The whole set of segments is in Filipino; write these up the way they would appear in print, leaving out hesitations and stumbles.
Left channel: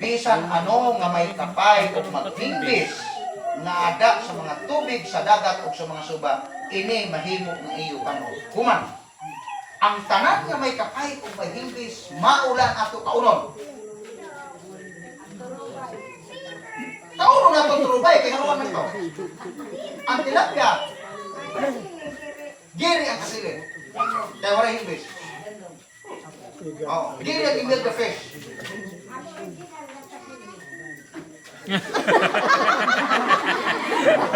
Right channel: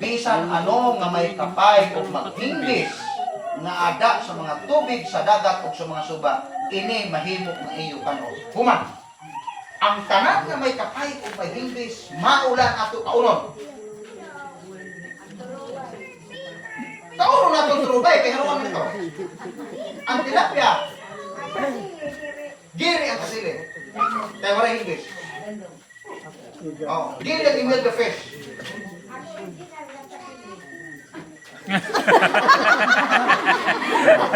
bisan ano nga may kapay o maghimbis na ada sa mga tubig sa dagat o sa mga suba, ini mahimo ng iyo kano. Human, ang tanan nga may kapay o may himbis, maulan ato kaunon. Kaunon na itong turubay, kaya haruan nito. Ang tilapia, giri ang kasilid. Kaya wala himbis. Oh, giri ang email the fish.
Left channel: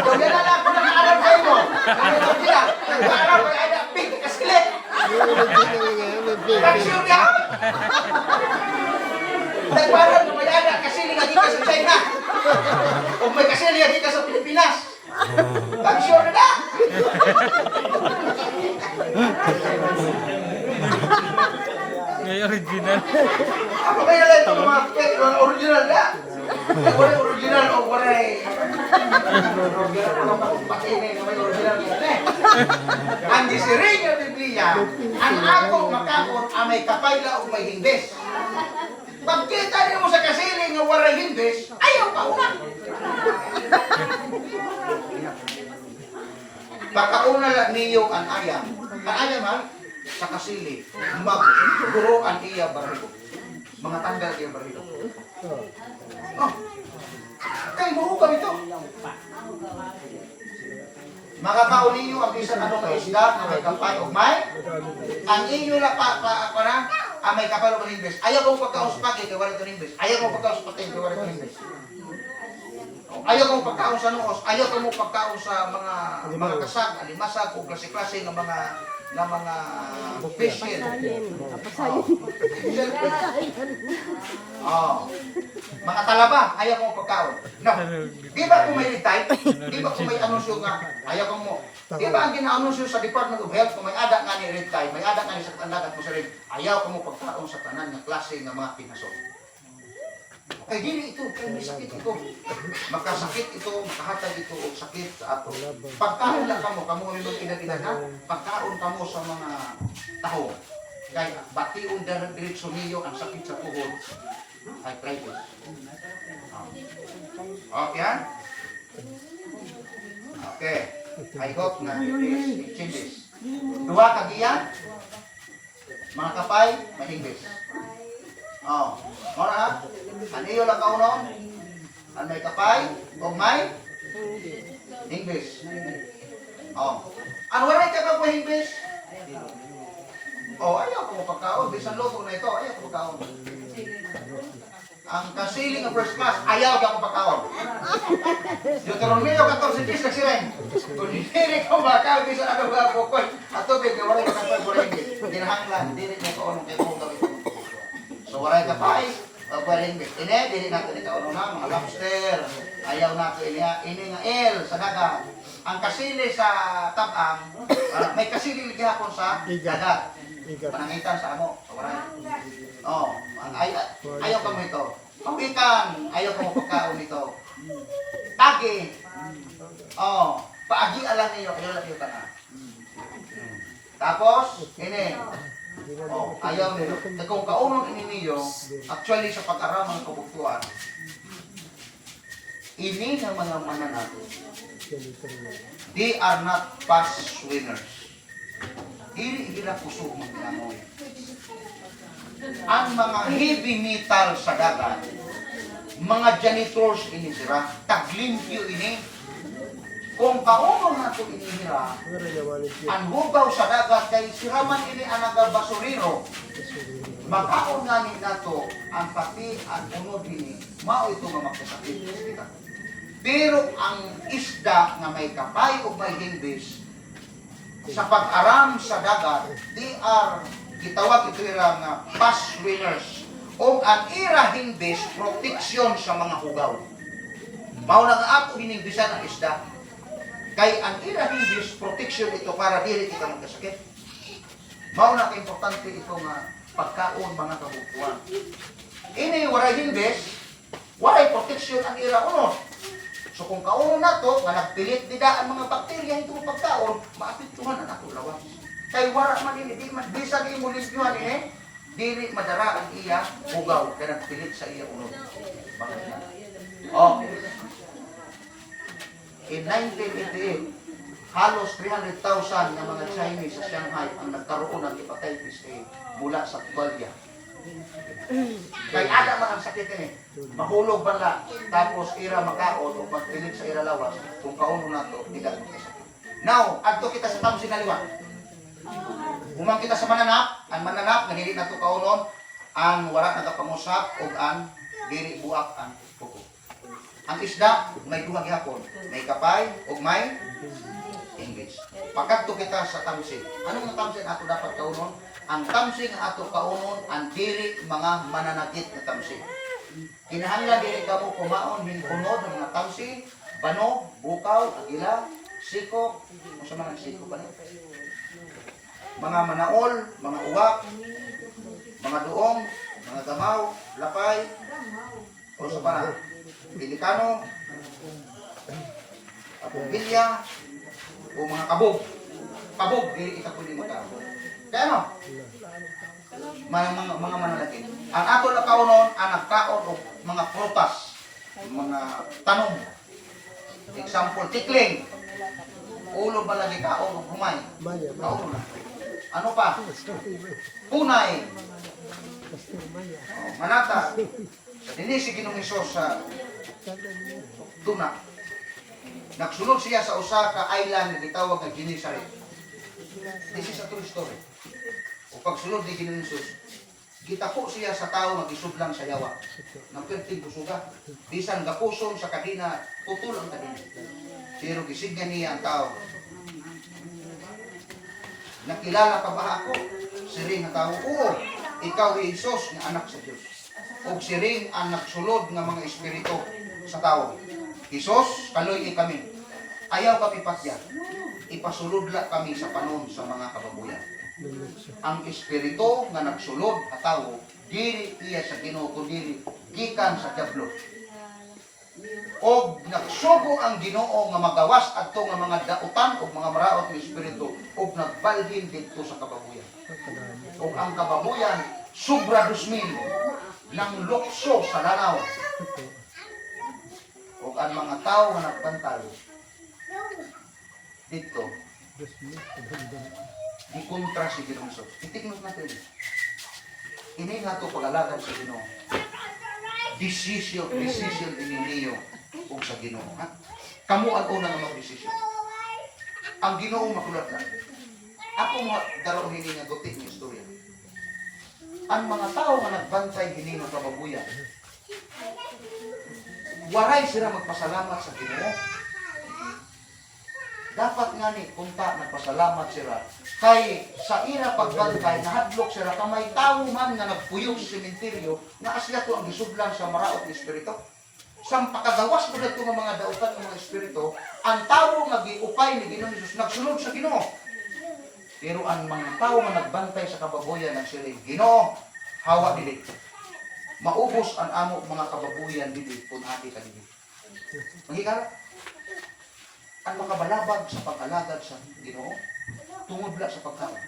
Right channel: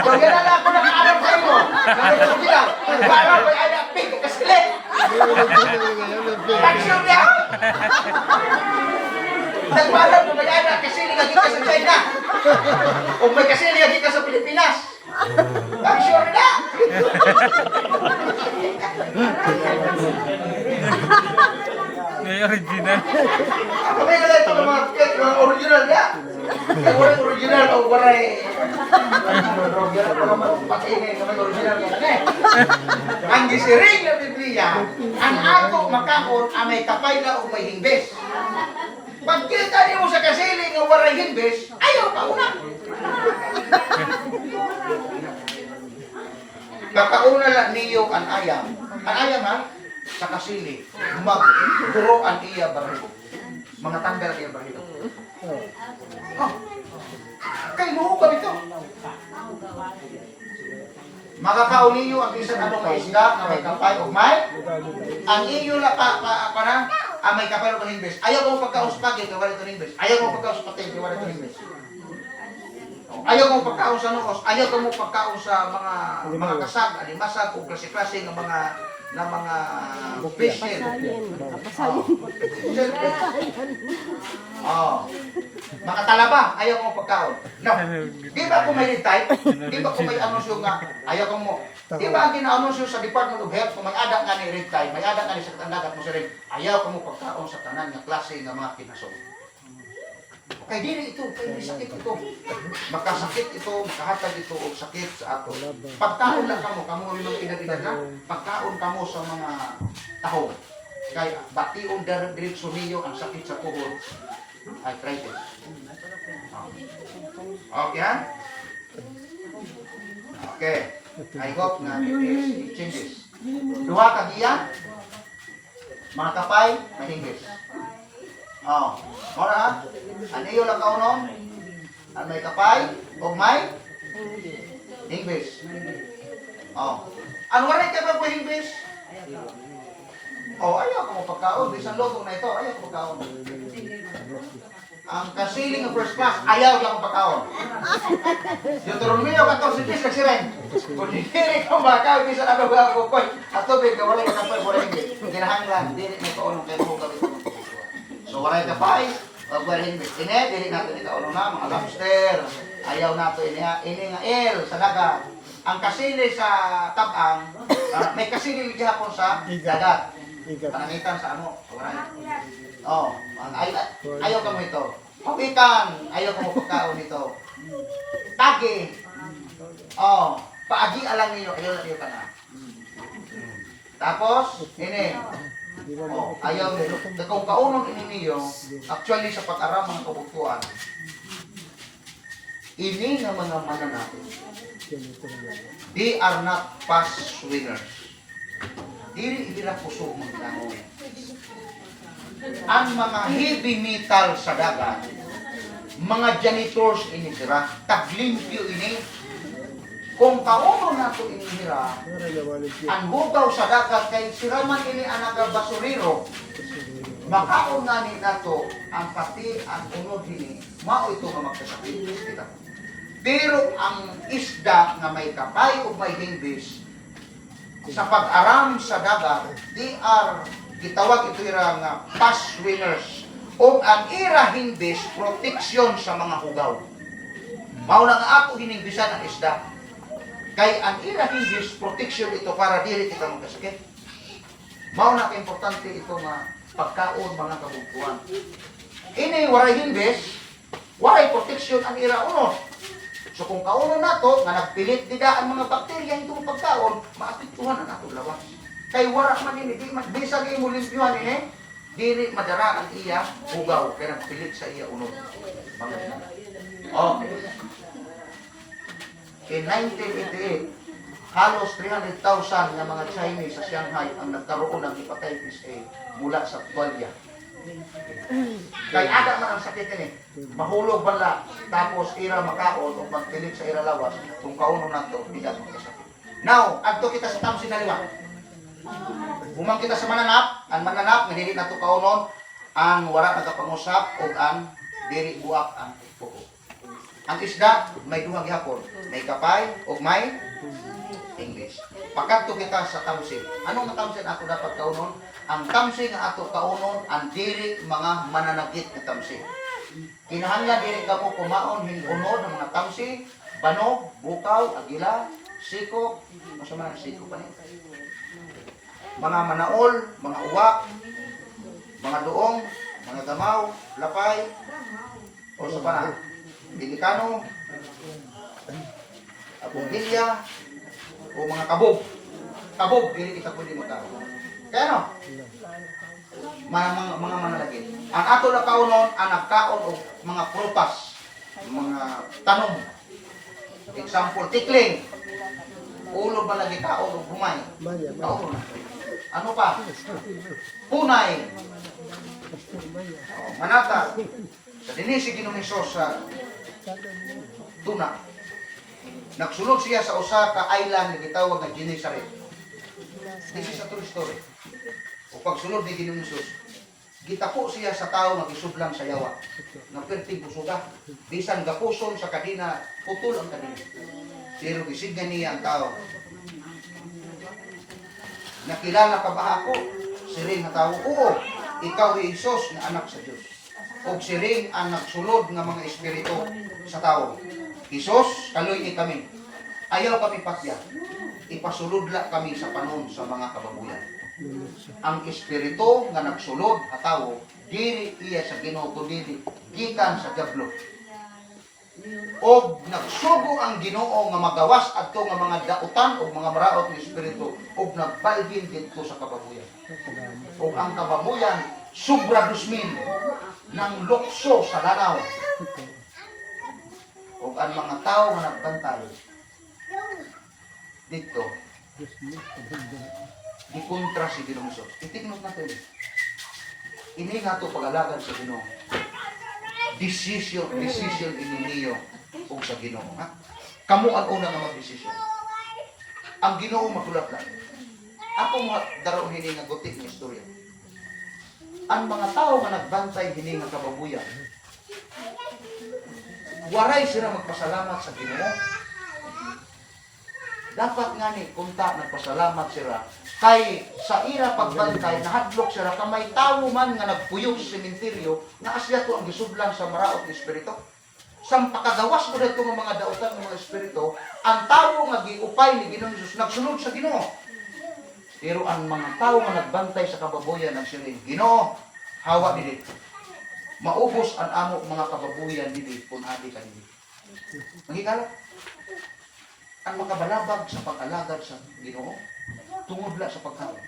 So, yan na lang ako ng arap kayo mo. Nagalaw sila. Nagalaw kayo ay napik kasilid. Tagsyon niya. Nagbalag mo may ada kasilid nga ka sa China. O may kasilid nga ka sa Pilipinas. Tagsyon na na. Ngayon original. Ako may nalang ito mga cake, mga original niya. Wala original o wala eh. Original ko naman pakinay na may original nga na eh. Ang gisiring na Biblia, ang akong makakon ang may kapayla o may himbes. Pagkita niyo sa kasiling nga wala himbes, ayaw ka una. Kakauna lang niyo ang ayam. Ang ayam ha, sa kasili, magduro ang iya barilo. Mga tandar iya barilo. Oh, kayo mahugam ito. Makakaon ninyo ang bisan anong nga isda na may kapay o may. Ang inyo na ang may kapay o may himbes. Ayaw kong pagkaon sa pagi, kaya wala ito himbes. Ayaw kong pagkaon sa pating, kaya wala ito himbes. Ayaw kong pagkaon sa nuos, ayaw kong pagkaon sa mga kasag, alimasag o klase-klase ng mga fish head. Oh. Mga talaba, ayaw kong pagkaon. No. Di ba kung may lead time? Di ba kung may anunsyo nga, ayaw kong mo. Di ba ang gina-anunsyo sa Department of Health, kung may ada nga ni lead time, may ada nga ni sa tandagat mo sa rin, ayaw kong mo pagkaon sa tanan nga klase nga mga pinasok. Kay dili ito, kay may sakit ito. Makasakit ito, makahatag ito o sakit sa ato. Pagkaon lang kamo yung inagina na, pagkaon kamo sa mga taho. Kay bation diretso ninyo ang sakit sa tuhod, arthritis. Okay ha? Okay. I hope na it changes. Duha ka giya, mga kapay, mahimbis. Oh, mora ha? Aniyo lang kaunon? Ang may kapay o may English. Oh. Ano wala ka pa English? Oh, ayaw ko pagkaon. Bisan loto na ito, ayaw ko pagkaon. Ang kasiling ng first class, ayaw ka pagkaon. Deuteronomio 14:10 kasi rin. Kung hindi ko bakaw, bisan ano ba ako koy. At tubig, wala ka kapay, wala English. Ginahanglan, dili na ito anong kayo mo gawin. So waray kapay, o waray himbis. Ini, dili natin ito na, mga lobster. Ayaw natin ini nga el sa dagat. Ang kasili sa tabang, may kasili gihapon sa dagat. Panangitan sa amo, waray. Oh, ayaw ka mo ito. Pawikan, ayaw ka mo pagkaon ito. Tagi. Oh, paagi alang niyo, ayaw lang niyo ka na. Tapos, ini. Oh, ayaw nyo. Kung kaunong ini niyo, actually sa pag-aral mga kabuktuan, ini ng mga mananapin. They are not past winners. Dili nila puso maglangon. Ang mga heavy metal sa dagat, mga janitors ini sira, taglimpyo ini. Kung kauno na ito inihira, ang hugaw sa dagat kay siraman ini ang nagabasuriro, makaon nga ni nato ang pati ang unod ini, mao ito nga magkasakit. Pero ang isda nga may kapay o may himbis, sa pag-aram sa dagat, they are, gitawag ito ira nga past winners, o ang ira himbis, proteksyon sa mga hugaw. Mao na nga ato hinimbisan ang isda. Kay ang ira himbis, protection ito para dili kita magkasakit. Mao na importante ito nga pagkaon mga kabugtuan. Ini waray himbis, waray protection ang ira unod. So kung kaunon nato nga nagpilit dida ang mga bakterya ito mo pagkaon, maapektuhan na nato lawas. Kay wara man ini, di man bisag imo limpyuhan ini, Diri madara ang iya bugaw kaya nagpilit sa iya ulo. Okay. In 1988, halos 300,000 na mga Chinese sa Shanghai ang nagkaroon ng hepatitis A mula sa tuwalya. Kaya ada man ang sakit ini, mahulog bala, tapos ira makaon o magpilit sa ira lawas, kung kauno na to, tidak makasakit. Now, adto kita sa tamsin na liwa. Humang kita sa mananap, ang mananap, nahili na to kaunon, ang wala nagapangusap, o ang diri buak ang puko. Ang isda, may duhang gihapon, may kapay, o may English. Pagkatto kita sa tamsin. Anong tamsin ato dapat kaunon? Ang tamsin nga ato kaunon, ang diri mga mananakit na tamsin. Kinahanglan diri kamo kumaon hinunod ng mga tamsin, banog, bukaw, agila, sikok, masama ng sikok pa niya. Mga manaol, mga uwak, mga duong, mga gamaw, lapay, o sa pana, delikano, abugilya, o mga kabog. Kabog, dili kita pwede mo tao. Kaya no? Mga mananakit. Ang ato na kaunon, ang nagkaon o mga prutas, mga tanom. Example, tikling. Ulo ba lagi kaon o humay? Kaon na. Ano pa? Punay. Manata. Sa dinisi Ginoong sa tuna. Nagsulod siya sa usa ka island na gitawag nga Genesaret. This is a true story. O pagsulod ni Ginoong gitako siya sa tao magisudlan sa yawa. Nagperting busuga. Bisan gapuson sa kadina, putol ang kadina. Pero gisigyan niya ang tao. Nakilala ka ba ako? Siring nga tao, oo, ikaw ay Isos na anak sa Diyos. O siring ang nagsulod ng mga espiritu sa tao. Isos, kaloy kami. Ayaw kami patya. Ipasulodla kami sa panon sa mga kababuyan. Ang espiritu nga nagsulod at tao, diri iya sa Ginoo diri gikan sa diablo. Og nagsugo ang Ginoo nga magawas adto nga mga dautan o mga maraot nga espiritu og nagbalhin didto sa kababuyan. Og ang kababuyan sobra 2,000 ng lukso sa lanaw. Og ang mga tao nga nagbantay dito gikontra si Ginoong Hesus. Itignos natin. Ini nga to pag-alagad sa Ginoo. Decision ini niyo ug sa Ginoo, ha? Kamo ang una nga mag-desisyon. Ang Ginoo magulat lang. Ako mo daron hini nga gotik nga istorya. Ang mga tao nga nagbantay hini nga kababuyan, waray sila magpasalamat sa Ginoo. Dapat nga ni kunta nagpasalamat sila kay sa ira pagbantay nahadlok sila kamay tawo man nga nagpuyog sa sementeryo nga asya to ang gisudlan sa maraot nga espiritu. Sang pakagawas mo dito ng mga dautan ng mga espiritu, ang tawo nga giupay ni Ginoong Hesus nagsunod sa Ginoo. Pero ang mga tao nga nagbantay sa kababoyan nagsiling, Ginoo, hawa dili. Maubos ang amo mga kababoyan dili kun abi ka dili. Magigala ang makabalabag sa pag-alagad sa Ginoo tungod la sa pagkaon.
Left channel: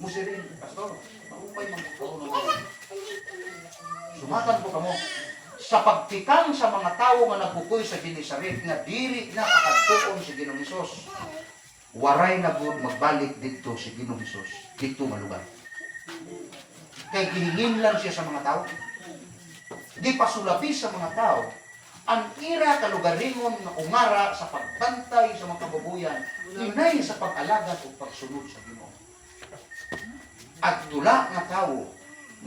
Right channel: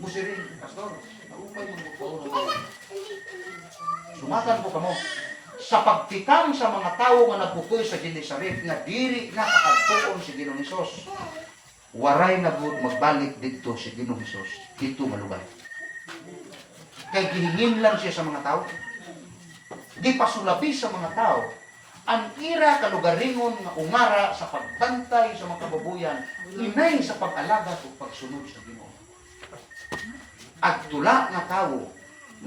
Musirin, pastor, maupay man ko sumakan ko kamo sa pagtikang sa mga tao nga nagbukoy sa Genesaret nga diri na pakadtuon si Ginoong Hesus. Waray na gud magbalik dito si Ginoong Hesus dito malugar. Kay gihinginlan siya sa mga tao. Di pasulabi sa mga tao ang ira kalugaringon nga ungara sa pagbantay sa mga kababuyan, inay sa pag-alagad o pagsunod sa Ginoo. At tula nga tao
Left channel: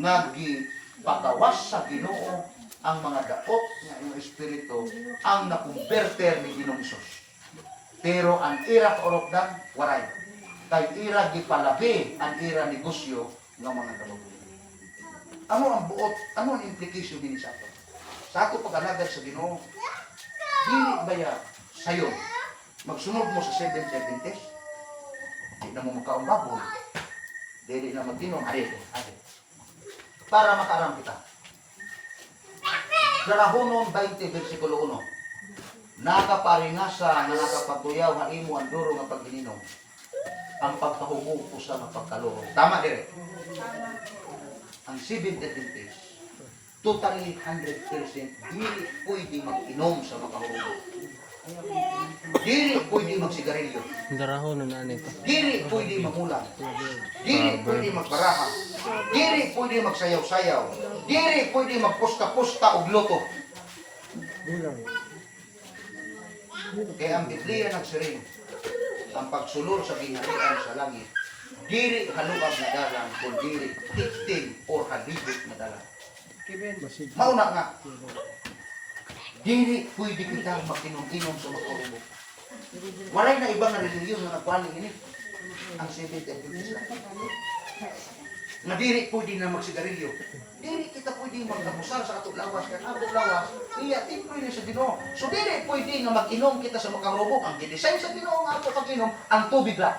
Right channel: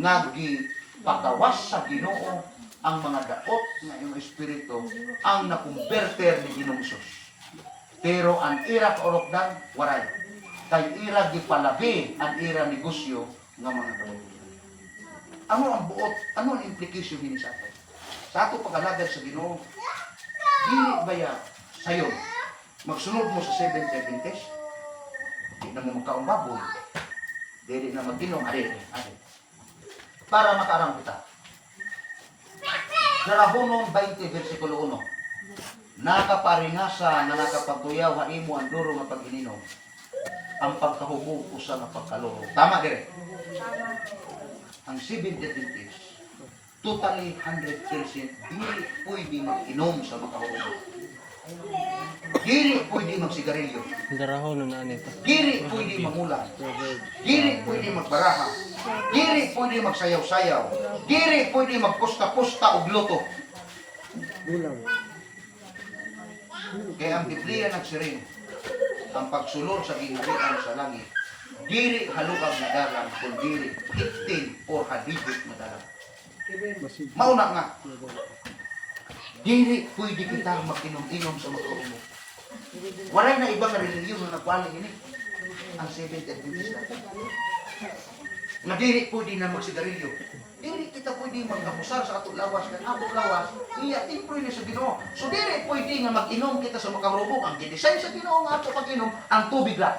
nga gipagawas sa Ginoo ang mga daot nga iyong espiritu ang nakumberter ni Ginoong Hesus. Pero ang ira kaorokdan, waray. Kay ira gipalabi ang ira negosyo nga mga kababuyan. Ano ang buot, ano ang implication din sa ato? Sa ato pag-alagad sa Ginoo, dili ba ya sayo magsunod mo sa 7 Adventist? Di na mo magkaong baboy. Dili na magdinom, ari. Para makarang kita. Dalahonon 20 versikulo 1. Nakaparingasa nga nakapagtuyaw ha imo ang duro nga pag-ininom. Ang pagkahubog usa nga pagkaluro. Tama dire. ang Seventh Adventist, totally 100% dili pwede mag-inom sa makahulugan. Dili pwede magsigarilyo. Darahon na nito. Dili pwede mamulan. Dili pwede magbaraha. Dili pwede magsayaw-sayaw. Dili pwede magpusta-pusta og loto. Kaya ang Biblia nagsiring, ang pagsulod sa ginharian sa langit, dili halukab na dalan, kung dili higtin or halibot na dalan. Mauna nga, dili pwede kita mag-inom-inom sa makahulugan. Walay na ibang relihiyon na nagpaling ini. Ang Seventh Adventist lang. Na dili pwede na magsigarilyo. Dili kita pwede mag-abusar sa ato lawas. Kaya ato lawas, iya, di pwede sa Ginoo. So dili pwede nga mag-inom kita sa makahulugan. Ang gidesign sa Ginoo nga ato pag-inom, ang tubig lang.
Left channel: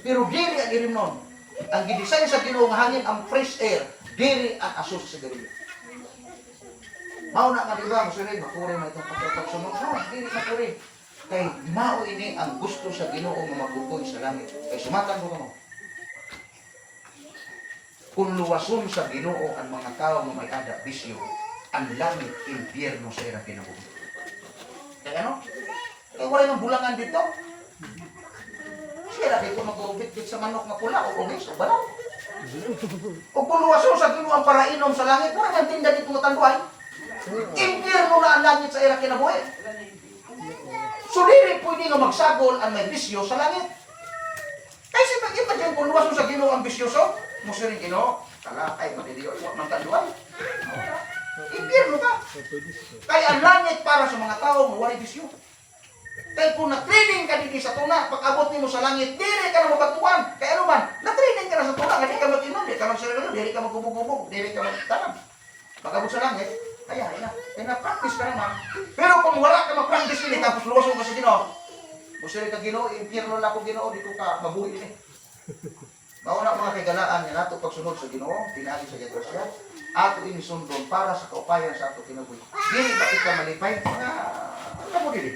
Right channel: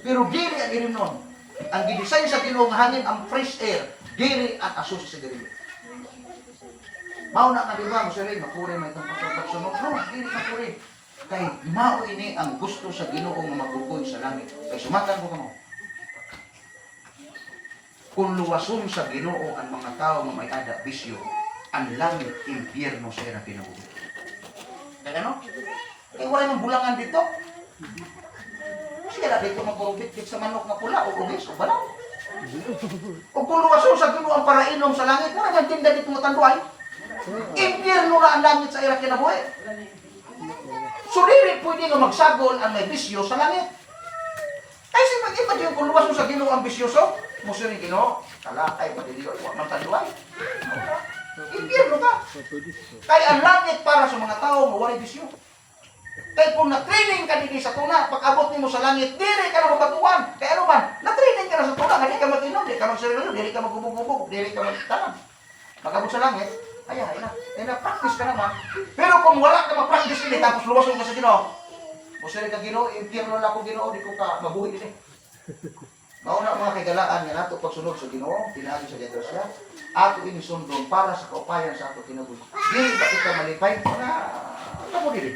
Pero dili ang irim nun. Ang gidesign sa Ginoo nga hangin, ang fresh air, dili ang asos sa sigarilyo. Mao na ka diba, masuri, makuri may itong pagsunod. No, dili makuri. Kay mao ini ang gusto sa Ginoo nga magugoy sa langit. Kay sumatan ko kuno. Kung luwason sa Ginoo ang mga tao nga may ada bisyo, ang langit impyerno sa ira kinabuhi. Kaya ano? Kaya wala nang bulangan dito. Siya dito magkurubit sa manok nga pula o ubis o balaw. O kung luwason sa Ginoo ang parainom sa langit, wala nang tinda dito matanduay. Impyerno na ang langit sa ira kinabuhi. So dili pwede nga magsagol ang may bisyo sa langit. Kasi mag-imagine kung luwason sa Ginoo ang bisyoso, musiring Ginoo, kalakay patiliyo, huwag nang tanduay. Impyerno ka. Kaya ang langit para sa mga tao nga walay bisyo. Kaya kung na-training ka dito sa tuna, pag-abot mo sa langit, dili ka na mabaguan. Kaya ano man, na-training ka na sa tuna, hindi ka mag-inom, hindi ka mag-sarilo, hindi ka mag-gubog-gubog, hindi ka mag-tanam. Pag-abot sa langit, ay na-practice ka naman. Pero kung wala ka ma-practice din, tapos luwason ka sa Ginoo, musiring ka Ginoo, impyerno na ako Ginoo, di ko ka mabuhi din eh. Mauna mga kagalaan nga nato pagsunod sa Ginoo, pinagi sa Grasya, ato inisundon para sa kaupayan sa ato kinabuhi. Dili ba kita malipay nga kamo dili.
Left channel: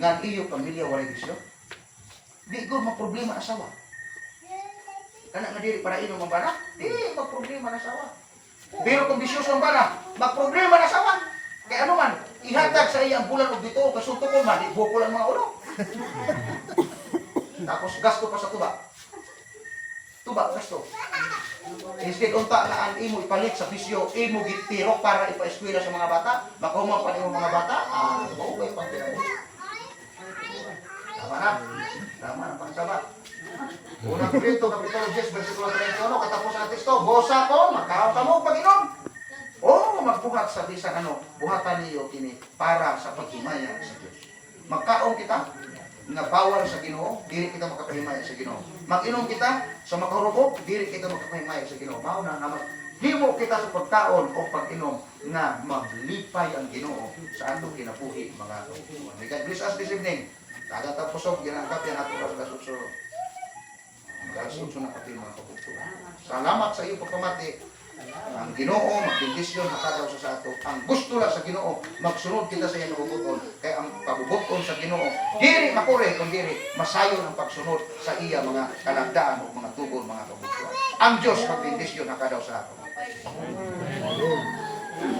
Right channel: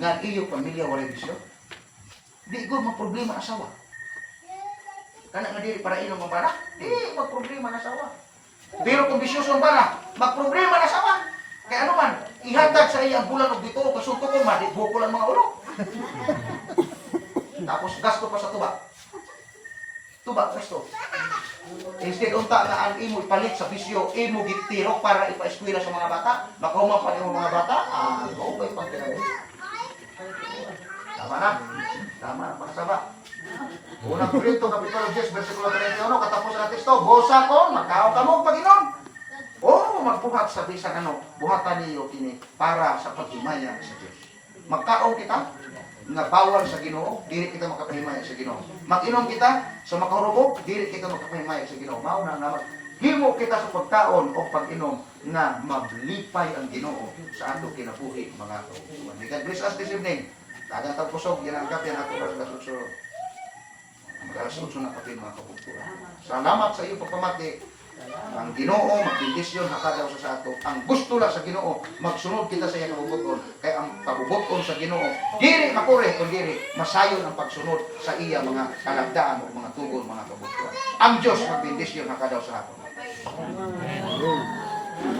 Nga iyo pamilya walay bisyo. Di gud man problema ang asawa. Kana nga dili para inom ang bana, di mag problema ang asawa. Pero kung bisyoso ang bana, mag problema ang asawa. Kaya ano man, ihatag sa iya ang bulan og dito kasunto ko man, di bukulan mga ulo. Tapos gasto pa sa tuba. Tuba, gasto. Instead unta na ang imo ipalit sa bisyo, imo gitirok para ipa-eskwela sa mga bata, makahuman pa nimo mga bata, okay pang tinaw. Tama na pagsaba. Unang Korinto, Kapitulo 10, versikulo 31, katapusan ng teksto, bosa ko, makaw kamo pag-inom. O magbuhat sa bisan ano, buhatan niyo kini para sa paghimaya sa Dios. Magkaon kita nga bawal sa Ginoo, dili kita makapahimaya sa Ginoo. Mag-inom kita sa makahurubo, dili kita makapahimaya sa Ginoo. Mao na naman himo kita sa pagkaon o pag-inom nga maglipay ang Ginoo sa ato kinabuhi mga kautuan. God bless us this evening. Tagang tapusog ginangkap yan ato sa kasutso. Kasutso na kapin mga kautuan. Salamat sa iyo pagpamati. Ang Ginoo magbendisyon hakadaw sa ato. Ang gusto la sa Ginoo magsunod kita sa iyang kabubuton. Kaya ang kabubuton sa Ginoo dili makure kun dili masayon ang pagsunod sa iya mga kalagdaan o mga tugon mga kabubuton. Ang Dios magbendisyon hakadaw sa ato.